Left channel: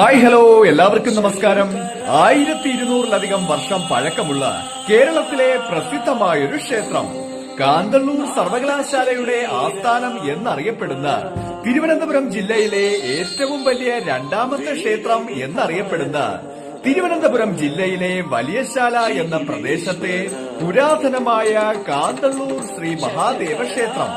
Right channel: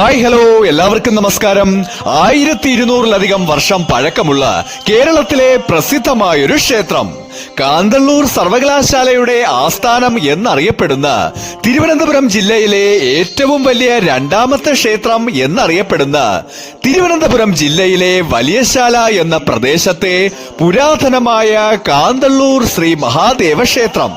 Hi hello എല്ലാവർക്കും നമസ്കാരം. 1200-ലധികം വർഷം പഴക്കമുള്ള കേരളത്തിലെ പ്രസിദ്ധമായൊരു ക്ഷേത്രം, കാന്തല്ലൂർ സർവകലാശാലയുടെ ആസ്ഥാനം എന്നറിയപ്പെടുന്ന തിരുവനന്തപുരം ജില്ലയിലെ ഏറ്റവും വലിയ രണ്ടാമത്തെ ക്ഷേത്രം എന്നറിയപ്പെടുന്ന തിരുവനന്തപുരം ജില്ലയിലെ വലിയശാല എന്ന പ്രദേശത്തെ പുരാതനമായ കാന്തല്ലൂർ ശ്രീ മഹാദേവ ക്ഷേത്രം.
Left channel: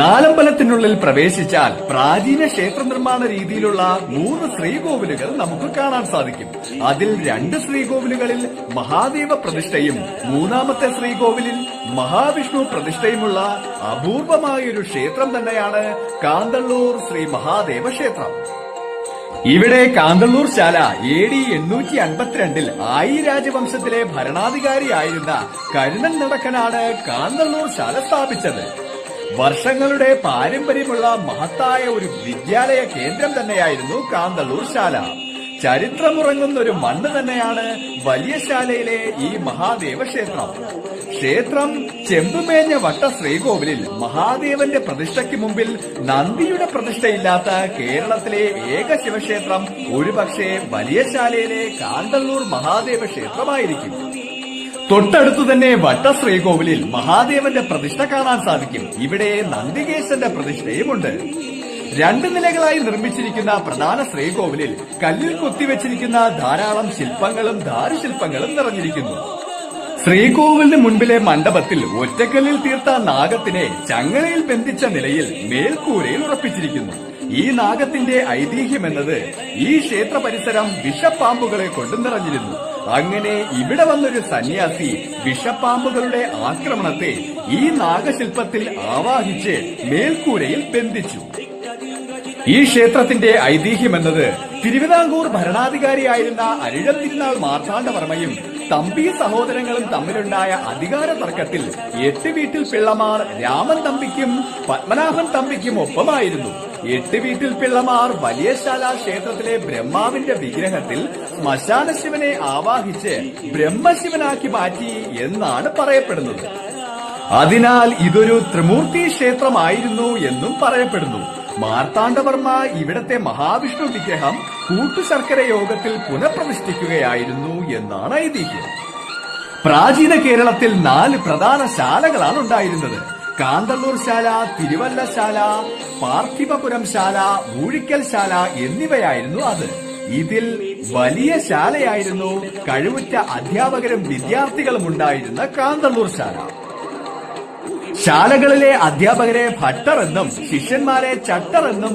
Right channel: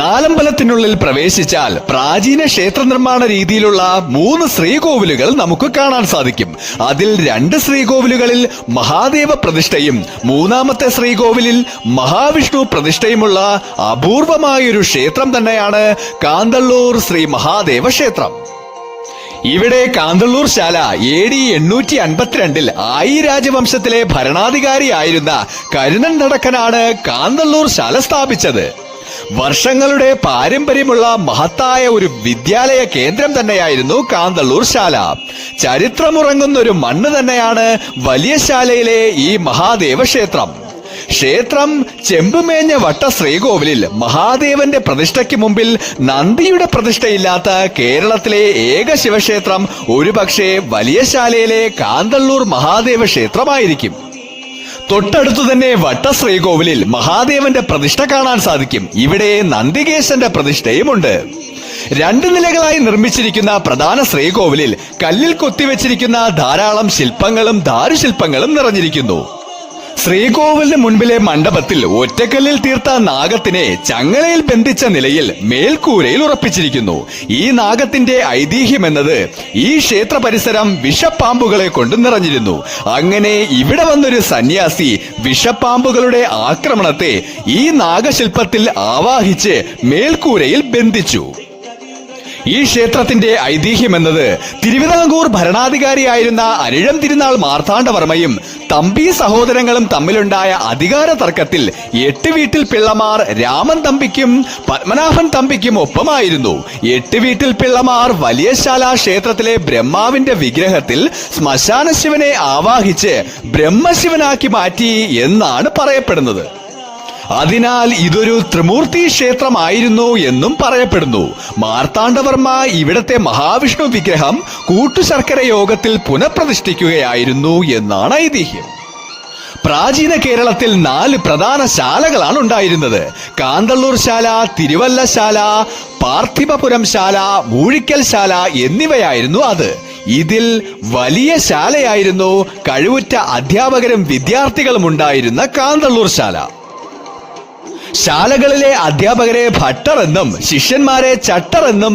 നാലമ്പലത്തിനുള്ളിൽ പ്രവേശിച്ചാൽ പ്രാചീന ക്ഷേത്ര നിർമ്മാണ രീതിയിലുള്ള 3 ശ്രീകോവിലുകൾ നമുക്ക് കാണാൻ സാധിക്കും. അതിൽ 2 ശ്രീകോവിലുകളിൽ മഹാദേവ പ്രതിഷ്ഠയും 3-ാമത്തെ ശ്രീകോവിലിൽ മഹാവിഷ്ണു പ്രതിഷ്ഠയുമുള്ള അപൂർവമായൊരു ക്ഷേത്രം തന്നെയാണ് കാന്തല്ലൂർ ശ്രീ മഹാദേവ ക്ഷേത്രം. ഇവിടെ കാന്തല്ലൂർ ശാല AD 852-ൽ ആയി രാജവംശത്തിലെ ഭരണാധികാരിയായിരുന്ന കരുണൻ നടക്കനാണ് കാന്തല്ലൂർ ശാല സ്ഥാപിച്ചത്. വർഷങ്ങളുടെ പാരമ്പര്യമുള്ള മഹത്തായ ഒരു വിദ്യാലയ കേന്ദ്രം തന്നെയായിരുന്നു കാന്തല്ലൂർ ശാല. ചരിത്രമുറങ്ങുന്ന ഒരു മണ്ണ് തന്നെയാണ് വലിയശാലയിലെ ഈ മഹാദേവ ക്ഷേത്രം. ക്ഷേത്രം ചെമ്പുമേഞ്ഞ വട്ട ശ്രീകോവിലിൽ മഹാദേവന്റെ പ്രതിഷ്ഠയ്ക്ക് മുമ്പിൽ നന്ദിയുടെ പ്രതിഷ്ഠയില്ലാത്ത കേരളത്തിലെ ഏക ശിവക്ഷേത്രം ഒരുപക്ഷെ വലിയശാലയിലെ കാന്തല്ലൂർ മഹാദേവ ക്ഷേത്രമായിരിക്കും. തൊട്ടടുത്തു തന്നെ വട്ട ശ്രീകോവിലിൽ മഹാദേവന്റെ പ്രതിഷ്ഠ കാണാൻ സാധിക്കും. ഇവിടെ നന്ദികേശന്റെ പ്രതിഷ്ഠയുമുണ്ട്. 2 നിലകളായി നിർമ്മിച്ചിരിക്കുന്ന പ്രധാന ശ്രീകോവിലിൽ കല്ലിൽ കൊത്തിവെച്ചിരിക്കുന്ന ധാരാളം ശില്പങ്ങളും ദാരുശില്പങ്ങളും നിറഞ്ഞിരിക്കുന്നു. ശ്രീകോവിലിന് മുൻപിലെ മണ്ഡപത്തിൽ ഒറ്റക്കല്ലിൽ തീർത്ത നാഗത്തിനെ ചങ്ങലയിൽ ബന്ധിച്ച നിലയിൽ മേൽക്കൂരയിൽ ഉറപ്പിച്ചിരിക്കുന്നു. ഈ നാഗത്തിന്റെ ഐതിഹ്യം എന്നത് ഈ ക്ഷേത്ര പരിസരം വിഷപ്പാമ്പുകളെ കൊണ്ട് നിറഞ്ഞിരുന്നു. അങ്ങനെ ഇവിടെ വന്നൊരു സന്യാസി വിഷപ്പാമ്പുകളുടെ ആക്രമണത്തെ ഈ നാഗശില്പത്തിൽ ആവാഹിച്ച് മേൽക്കൂരയിൽ ബന്ധിച്ചു. ഈ ക്ഷേത്രത്തിന്റെ ഐതിഹ്യം എന്നത് തിരുവിതാംകൂർ ഭരണാധികാരിയായിരുന്ന അനിഴം തിരുനാൾ മാർത്താണ്ഡവർമ്മയും തമ്പി സഹോദരങ്ങളും തമ്മിലുണ്ടായ അധികാര തർക്കത്തിൽ 8 വീട്ടിൽ പിള്ളമാർ രാമൻ തമ്പിക്കും പത്മനാഭൻ തമ്പിക്കും ഒപ്പമായിരുന്നു. 8 വീട്ടിൽ പിള്ളമാർ വലിയശാല ക്ഷേത്രത്തിലെ ബ്രഹ്മാവിന്റെ വിഗ്രഹത്തിൽ ശ്മശാന ശിവനെ ആവാഹിച്ച് ബ്രഹ്മശിവനാക്കി മാറ്റി എന്നാണ് പറയപ്പെടുന്നത്. അതിനാൽ ഇതൊരു ത്രിമൂർത്തി ക്ഷേത്രമായിരുന്നു എന്നും പറയപ്പെടുന്നു. മാർത്താണ്ഡവർമ്മ ഇവിടത്തെ മഹാവിഷ്ണു വിഗ്രഹം കൂട്ടുശർക്കര യോഗത്തിൽ പുനഃപ്രതിഷ്ഠിക്കുകയായിരുന്നു എന്നാണ് ഐതിഹ്യം. പ്രാചീന കേരളത്തിൽ 4 പ്രധാന ശാലകളാണ് ഉണ്ടായിരുന്നത്. കാന്തല്ലൂർ ശാല, തിരുവല്ലശാല, പാർത്ഥിപപുരം ശാല, മൂഴിക്കൽ ശാല എന്നിവയായിരുന്നു അത്. ഇതിൽ വലിയ ശാലയായിരുന്നു കഴിവുറ്റ അധ്യാപകരും വിദ്യാർത്ഥികളും ഉണ്ടായിരുന്ന കാന്തല്ലൂർ ശാല. ശാലകളിലെ അധ്യാപകരെ ഭട്ടർ എന്നും ശിഷ്യന്മാരെ ചട്ടർ എന്നും